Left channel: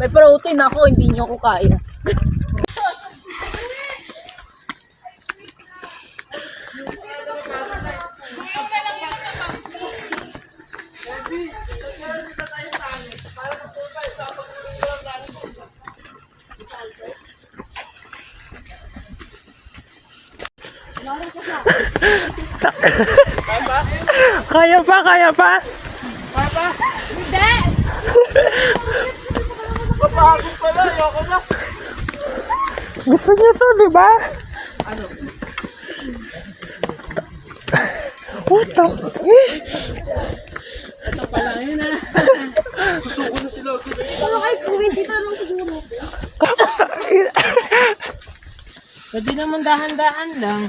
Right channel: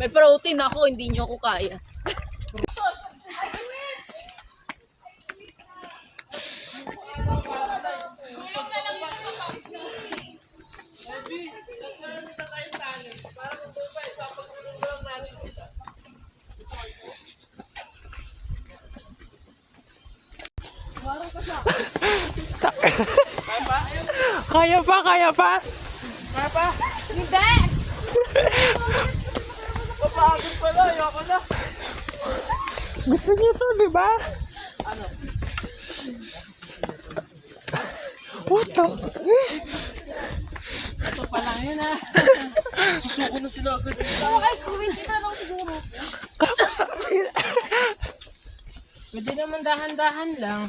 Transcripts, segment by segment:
May protein ako, hindi nyo ako kaya. Kaya pa, kaya pa. Hindi! Kapagod pala, ayoko na. Gusto niyo to, di ba? Ano? What the? Ito pa lang yun ha. Susuko na sila agad. Wala kayo kuwin dito lang siguro. Pwede naman dahan-dahan lang.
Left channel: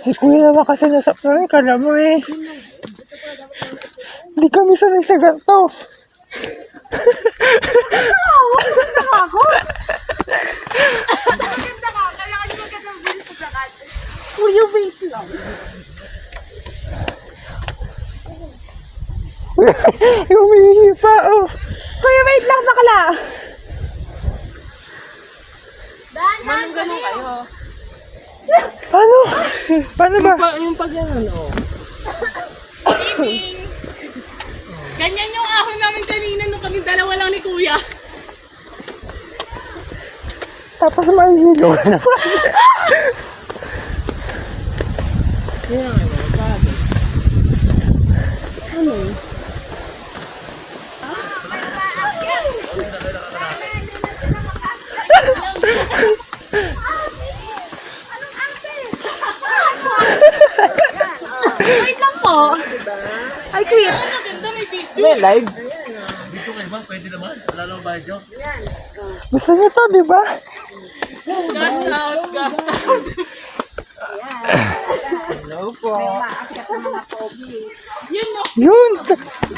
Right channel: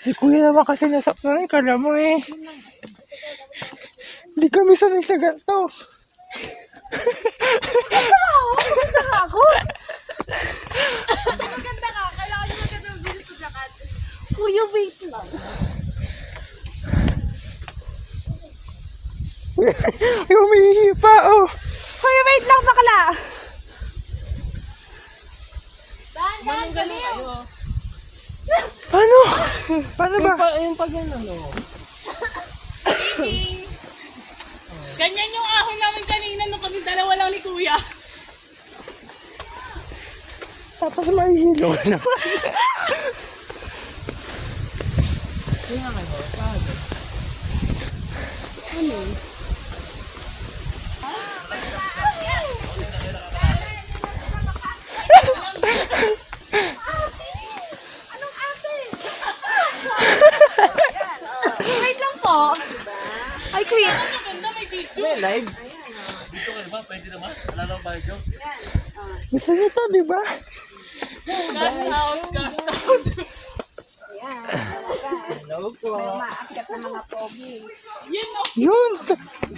Si kuya naman kasi nasa kala mo eh. Hindi kami sanay sa ganito. Ako? Maganda ka, kailangan nyo magandang bilis sa lakas. Kuya, wait lang. Ay, umihihi pa, oh. Kuya, wait lang, bakla. Manong ganun kayo. Ano? Paano ba? Yung pag yan ano. Ganyan yung ahon namin kanina nung kami dalawa lang ni Kuya. Tapos mahihilo ka naman. Wait lang po. Ay, Kuya. May live? Dito kayo ba? Pwede naman. Wala lang ba ito? Gusto niyo to, di ba? Cast out! Cast out! Hello po. Yun no. Yun!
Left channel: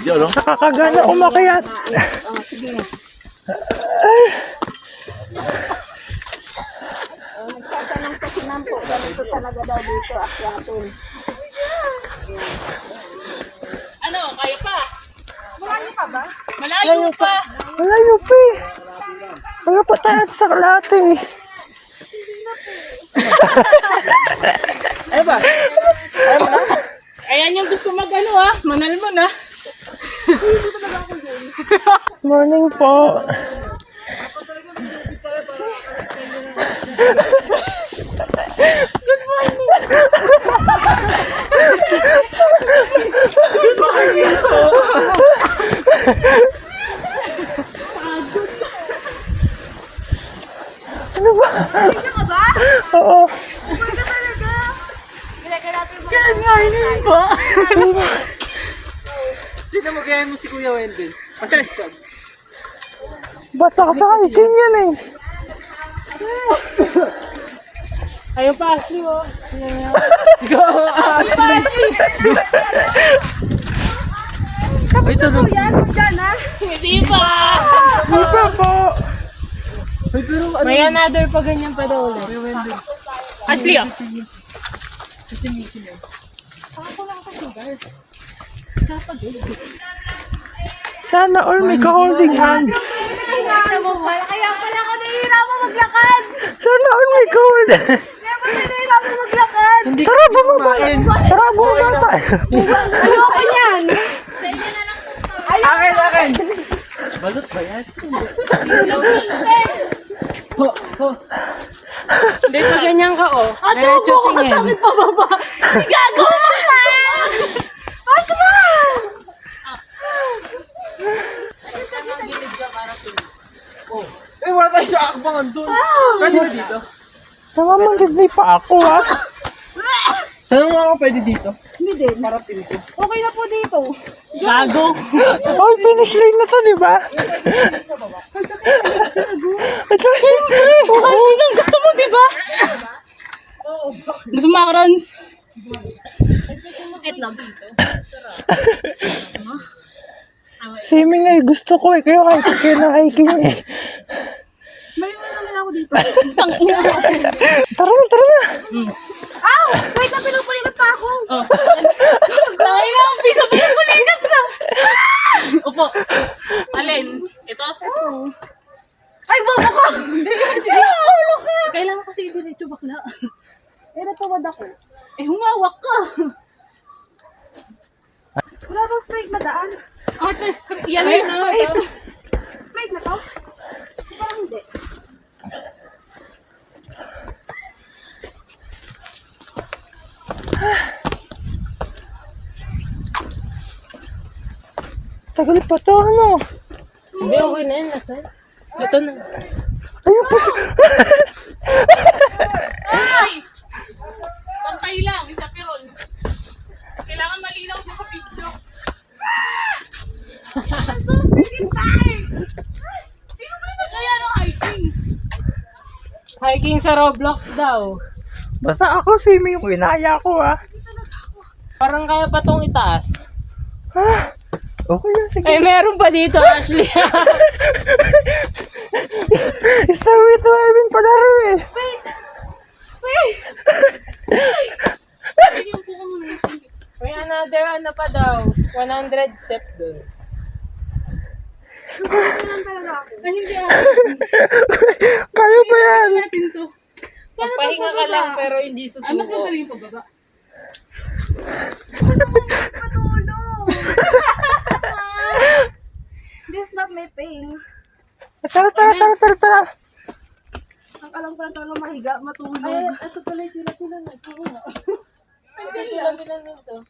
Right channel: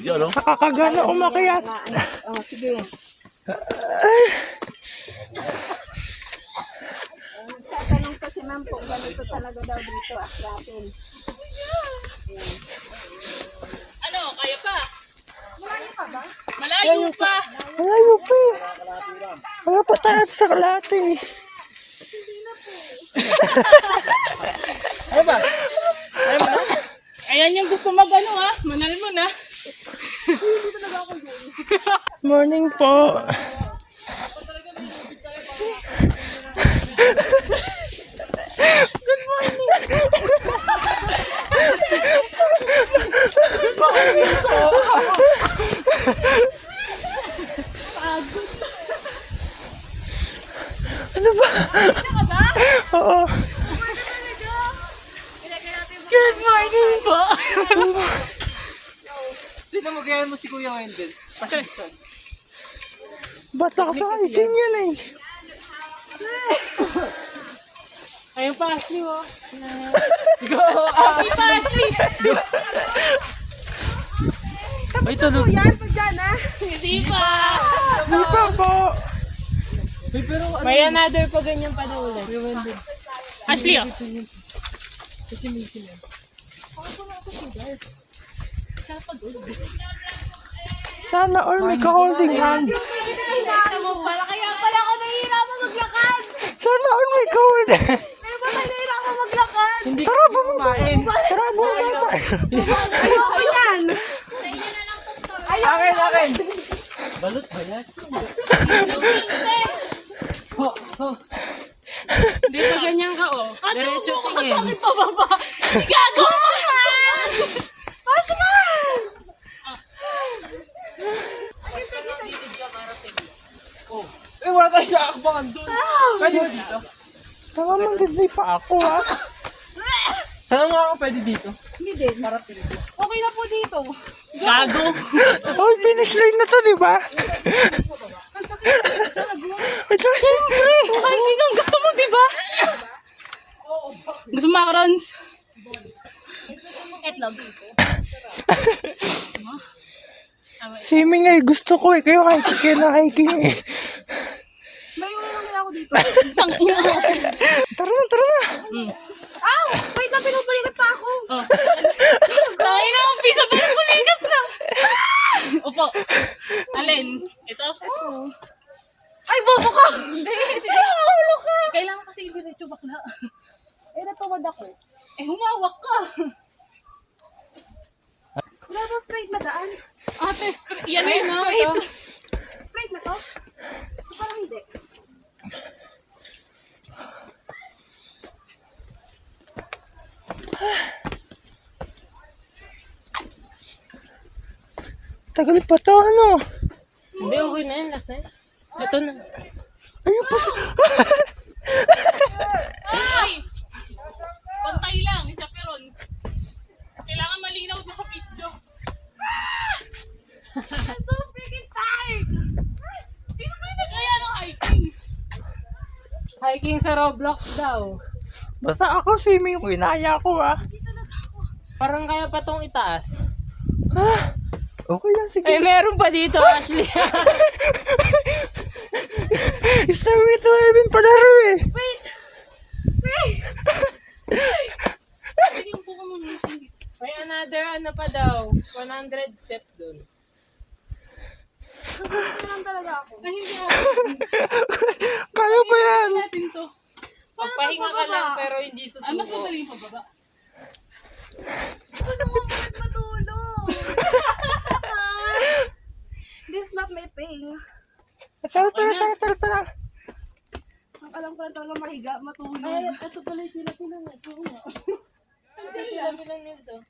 Yun, no? Nakakagana umakyat. Nagtatanong kasi ma'am po, ganito talaga daw dito akyatin. Ano, kaya pa? Malayo pa ba? Malayo pa. Wala nyo pa eh. Wala pa tayo sa kalate. Ay ba? Ayan yung gusto mag-ano ah. Manal mo na. Morning po. Ano ba? Ano ba? Oo. Ganyan po. Tignan mo, gayahin mo si Kuya Wendell. Pasigsag. Basta ka sa hiking yan eh. Ayaw pa, Ashley oh. Go! Ashley! Ay, tunog. Yan, magka na. Hindi pa! Di ba po? Ay, pero ano? May another pa ganyan pa daw ulit. Kuya Wendell. Ashley oh. Kasi missing eh. Sana all may ka-holding hands. Kaya pala ako nahihirapan maglakad. Sana all may ka-holding hands. Kaya pala nahihirapan maglakad. Hindi Tara, bumaba. Tara, bumaba tayo. Ayoko yan. Akin, akin! Balot ba yan? Ho, ho. Hindi pa ganyan ka oh. Ate, huwag mo ko takip pababa. Gagawa ka! Asma! Eh, wala tayo sa akbangan doon. Pwede ba dito? Namamangidlay pa ako ha. Saan mo ako pwede dito? Hindi din. Para pilito. Okay na po dito. Gago. All finish line na to, di ba? Hindi lang gusto mo, di ba? Gusto mo macarons? Itlog. Swimming eh, gusto ko eh. Kaya kahit kayo na hiking eh. May una naman ako dito. Tangina. Tara na, tara na. Ow! Wait, pinupulikat pa ako. Oh. Tayo na, umpisa pa yung pulikat na. Upo. Alin? Ito? Ay, bobo ka! Kailangan kasi i-diretso bakla. Eh, natawad ako. Eh, humawak ka. Wala bang straight na daan? Ate, yan yun na ito. Straight na to? Parang hindi. Tagal pa to, ano? Hindi, okay na yun. Last na. Ito na. Ayun pa siya. Ay! Pantay lang, itapiron. Kailangan malinaw ko sa video. So freaking tight! Sino ba yung nagaya ng hiking? Hiking sa Roblox daw. Basta ako, swimming yung kinaya ko, ah. Parang kaya pa tong itaas. Okay lang, sige. Eh, meron pa dito, Ashley. Starry swimming pala rin, eh. Sige, upo ka muna. May another ano pa daw. 100 steps dun. Ay, hindi ako. Kaya pa yan. Natin to. Magpahinga ka lang pero hindi susuko. Ay, mas madali yung pababa. Matulog! This not my pain. Tara. Ang alam ko lang talaga mahiga, matulog. Ay, ito pala yung pila-pila na. Oo nga. Ay, pila-pila na yun.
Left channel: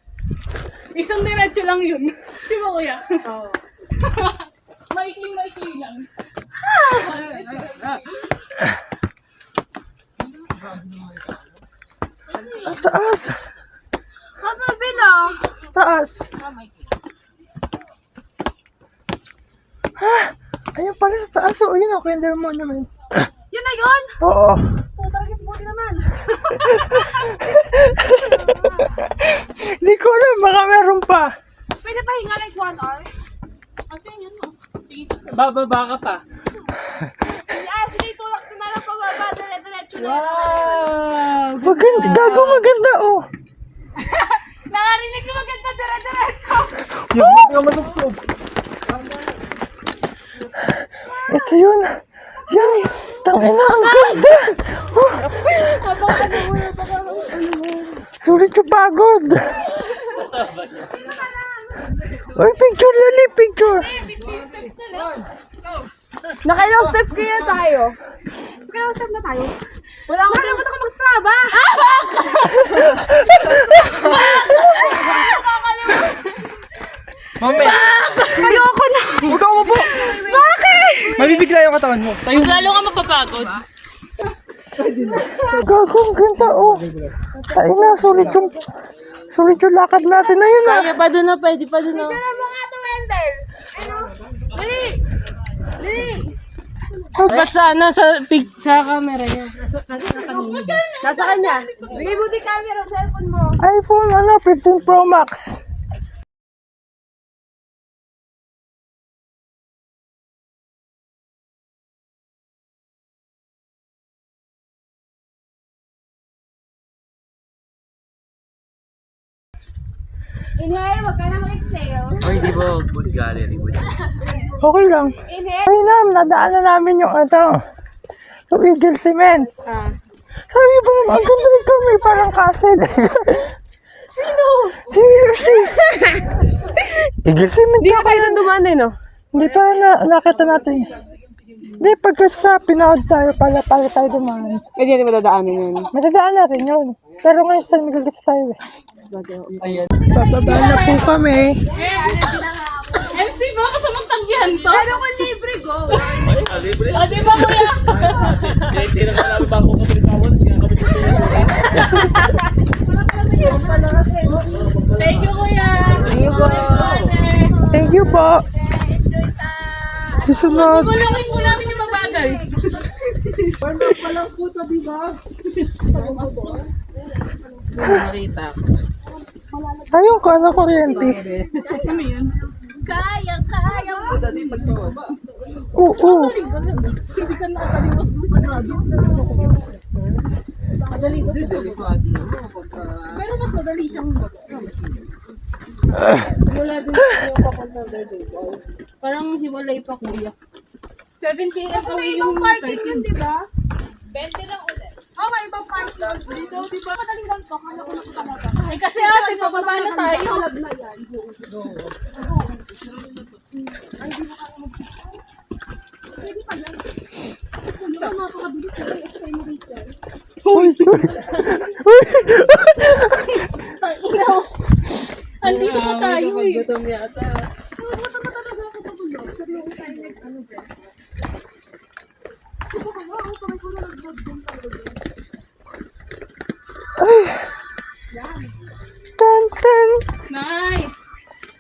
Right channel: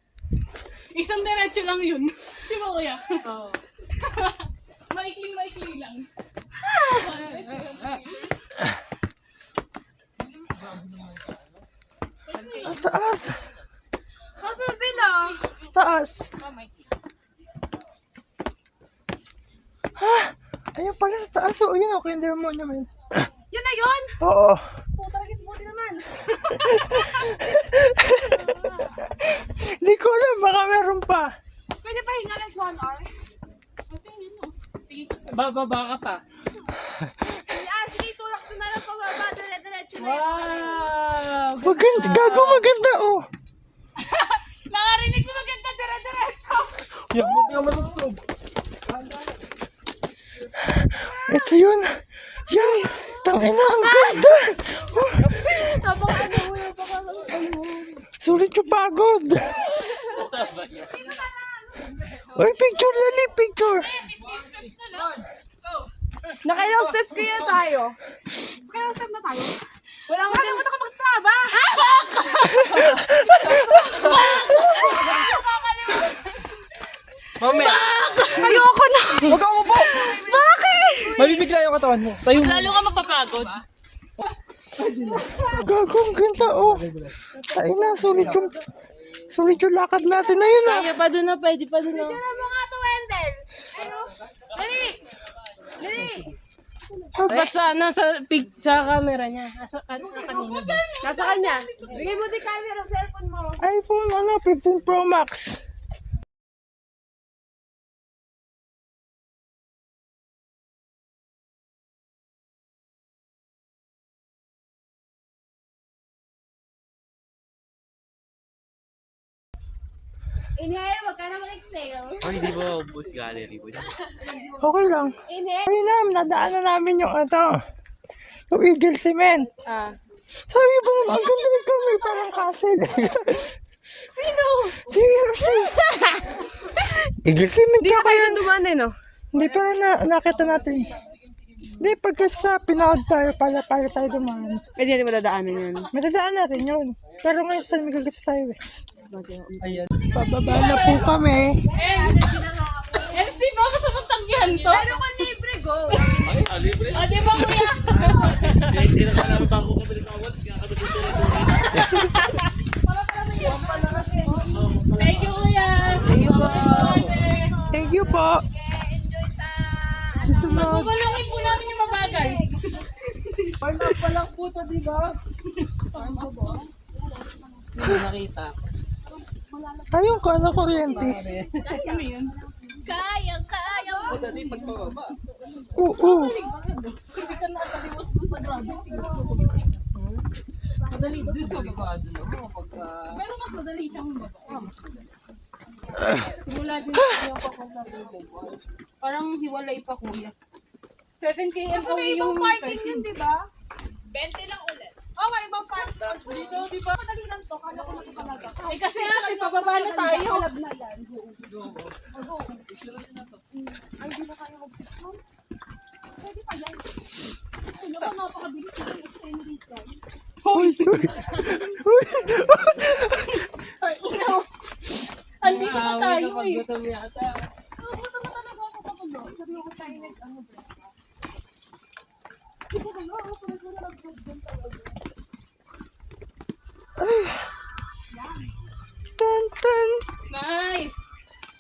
Isang diretso lang yun. Di ba, kuya? Oo. Maikling lang. Ang taas. Nasaan sila? Sa taas. Ayun pala sa taas. Oh, yun ako, kinder mo naman. Yun na yun! Oo. Putaragis, buti naman. Hindi ko alam, baka meron pa. Pwede pa hinga like 1 hour. Ate, yan mo. Bababa ka pa. Si Ashley, tulak ko na lang pababa. Diretso na. Wow! Maganda, gago maganda, oh. Nakarinig ko maganda diretso. Yung hindi ka masubsob. Ito yun. Yan. Tangina, ang ganda. Sulit yung pagod. Ay, picture yan, picture. 15 steps na lang. Nakailang steps kaya tayo? Nakailang steps na tayo? Wala akong nakalimutan ko mag-strava! Mamaya. Ayoko na! Huwag ka umupo. Bakit? Mabibigla yung katawan mo. Tayo. Mas lalo ka mapapagod. Gago, ang ganda, oh. Ay na, sulit yung lakad natin na yun, ah. Kaya pa doon na, pwede pa doon na. Tignan mo nga ito, Wendell! Ano? Dali! Dali! Ba't sa camera niya? Nasa kanina ba? Nasa kanya. Bigay mo di camera ng cellphone mo. iPhone, 15 Pro Max. Inhale, wag ka na mag-exhale. Ay, di ba boost gallery? Okay lang. Inhale. Ay na, nadaanan namin yung yung Eagle Cement. Sabi ba naman, ang ganda nito, may parang castle. Sino? Si Eagle Cement. Di ka tayo dumaan eh, no? Hindi pa nakita natin. Hindi, pagka sa Pinood tayo, para tayo dumaan. Hindi na madadaanan yun. Madadaan natin yun. Pero ngayon sa San Miguel kasi tayo eh. Bababa na po kami. MC, baka sa magtanggihan to. Pero kung libre, go. O, di ba, kuya? Hindi na ka ba ako kapilitawan? Thank you, kuya. Thank you po. Susunod. Kulungin mo namin yung mabagal. Nakita ko. Ayun ka na kuryente. Kaya. Oo. Hindi ka nakakaliwas doon sa grabe. Madali. madali siyang Wala din yung papunta doon, Bicol. Parang hiwalay pa, kuya. 17 Kasi ako may yung ibang parking yun, di ba? 20 lang ulit. Oo, may ibang parking. Dito, di ba? Madali lang to. Kala ko lang talaga. Eh kasi ate, pababa na tayo. Kalab na yan. Pwede pa yan. Kuya, ka napakabilis. Accelerate yan. Andito pa tayo eh. Gutom na talaga ako pagulog. Pero yung tayo ano ba? Di ba kaya? Ako kami ko nag-vlog din talaga. Tan, tan, Nice!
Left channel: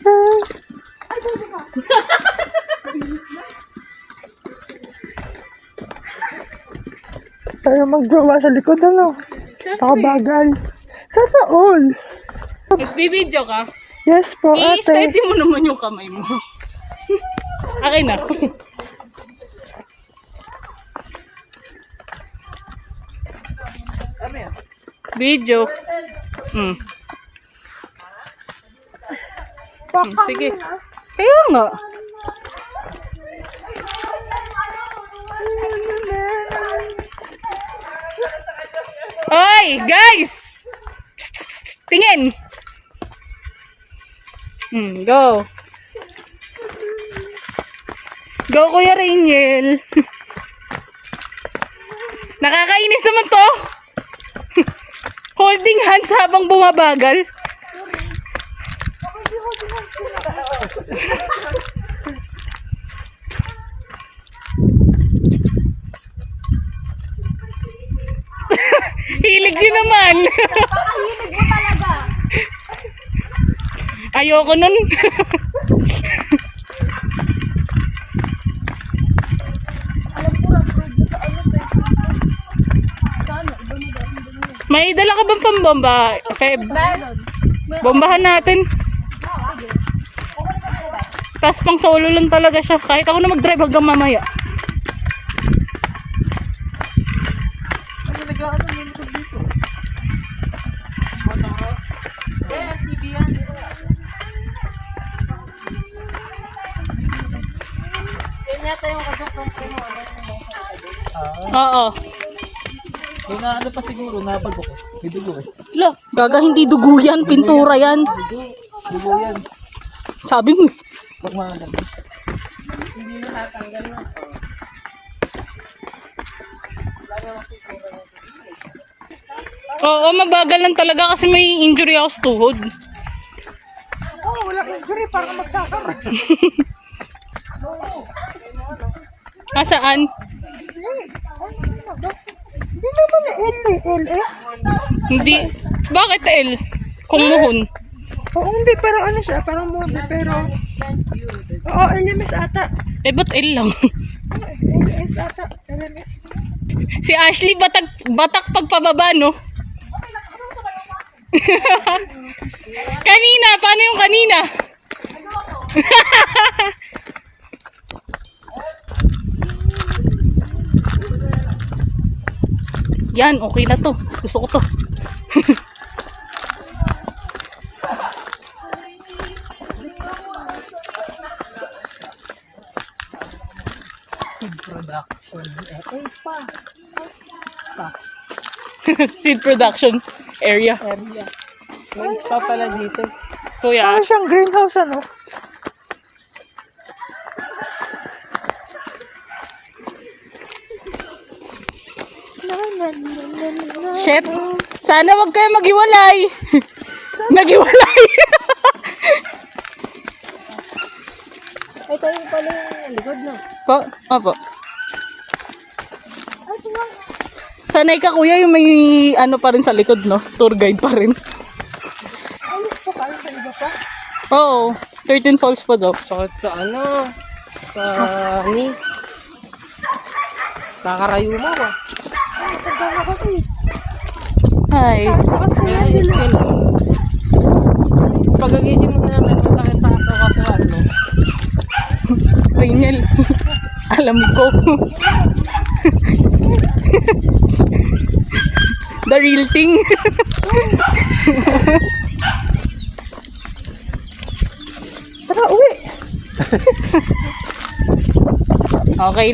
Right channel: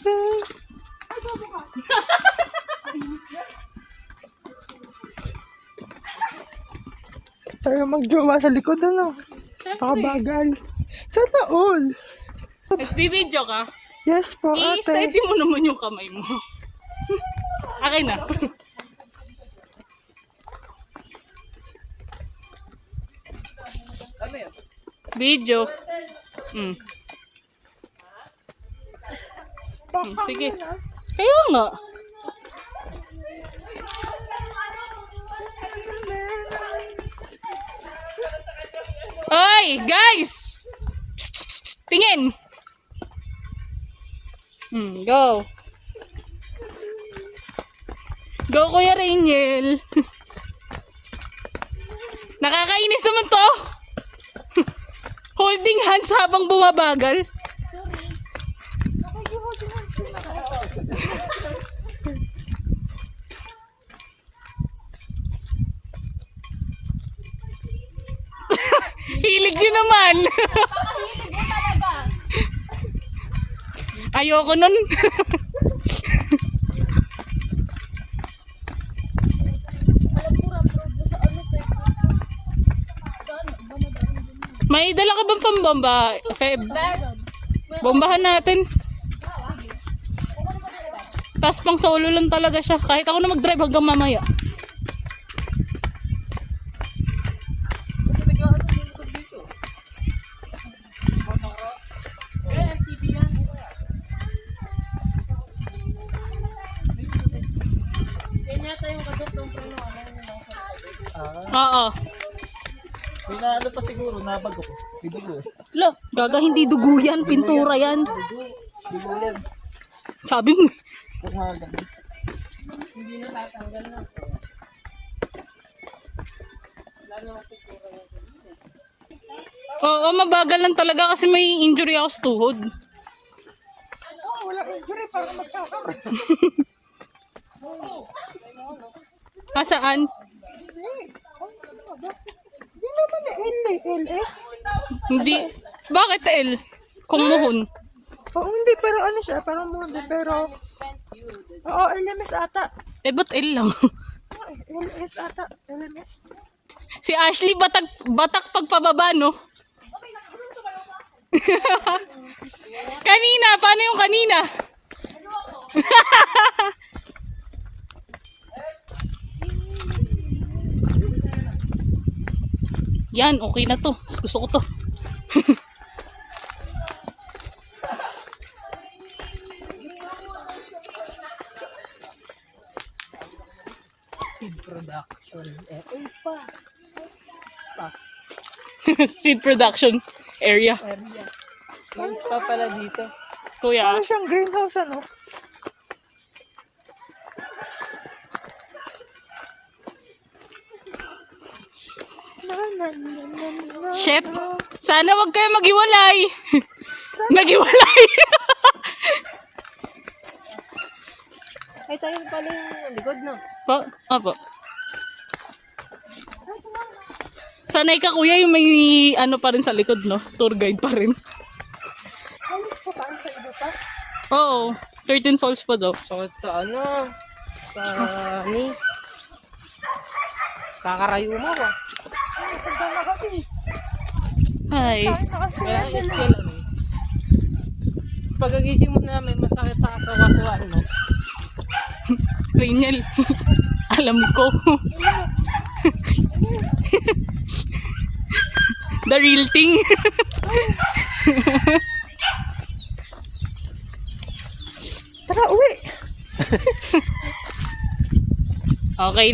tan. Ay, bobo ka. Tayo magjowa sa likod, ano? Nakabagal. Sana all. Nagbibideo ka? Yes po, ate. I-steady mo naman yung kamay mo. Akin na. Video. Sige. Kaya nga. Oy, guys! Psst, psst, psst, tingin! Go. Go, Kuya Rainiel. Nakakainis naman to. Holding hands habang bumabagal. Hilig yun naman. Hilig mo talaga. Ayoko nun. May dala ka bang pambomba, Feb? Bombahan natin. Tapos pang solo lang talaga siya. Kahit ako na mag-drive hanggang mamaya. Yan yata yung kasok ng preno. Oo. May na ano pa siguro, nabago ko. May dugo eh. Lo, gaga hindi dugo yan, pintura yan. Dugo yan. Sabi mo. Pag mga ganun. Oo, mabagal lang talaga kasi may injury ako sa tuhod. Oh, wala kang injury para magkakaroon. Asaan? Hindi naman L eh, LS. Hindi. Bakit L? Kung muhon. Oo, hindi, parang ano siya, parang mode, pero... Oo, LMS ata. Eh, ba't L lang? LMS ata, LMS. Si Ashley batak pagpababa, no? Kanina, paano yung kanina? Yan, okay na to. Mas gusto ko to. Seed production area. May spa pala dito. Kuya, Ano siyang greenhouse, ano? Chef, sana wag kayo maghiwalay. Naghiwalay. Ay, tayo pala yung likod, no? Po, opo. Sanay ka kuya yung may ano pa rin sa likod, no? Tour guide pa rin. Alis pa tayo sa iba pa. Oo, 13 falls pa daw. Sakit sa ano? Sa ni? Kakarayo mo ba? Tagal na kasi. Ay, Kasi yan, Pagagising mo na naman masakit sa kasuan mo. Rainiel. Alam ko. The real thing. Tara, uwi. Okay.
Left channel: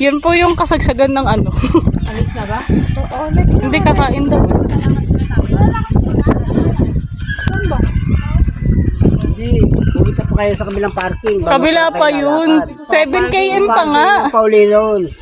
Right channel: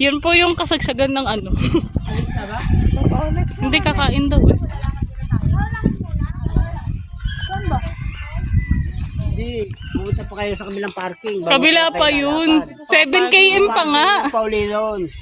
Yun po yung kasagsagan ng ano. Alis na ba? Oo, next Hindi kakain daw. Eh. Hindi, pumunta pa kayo sa kabilang parking. Kabila pa yun. 7 km pa nga. Pauli doon.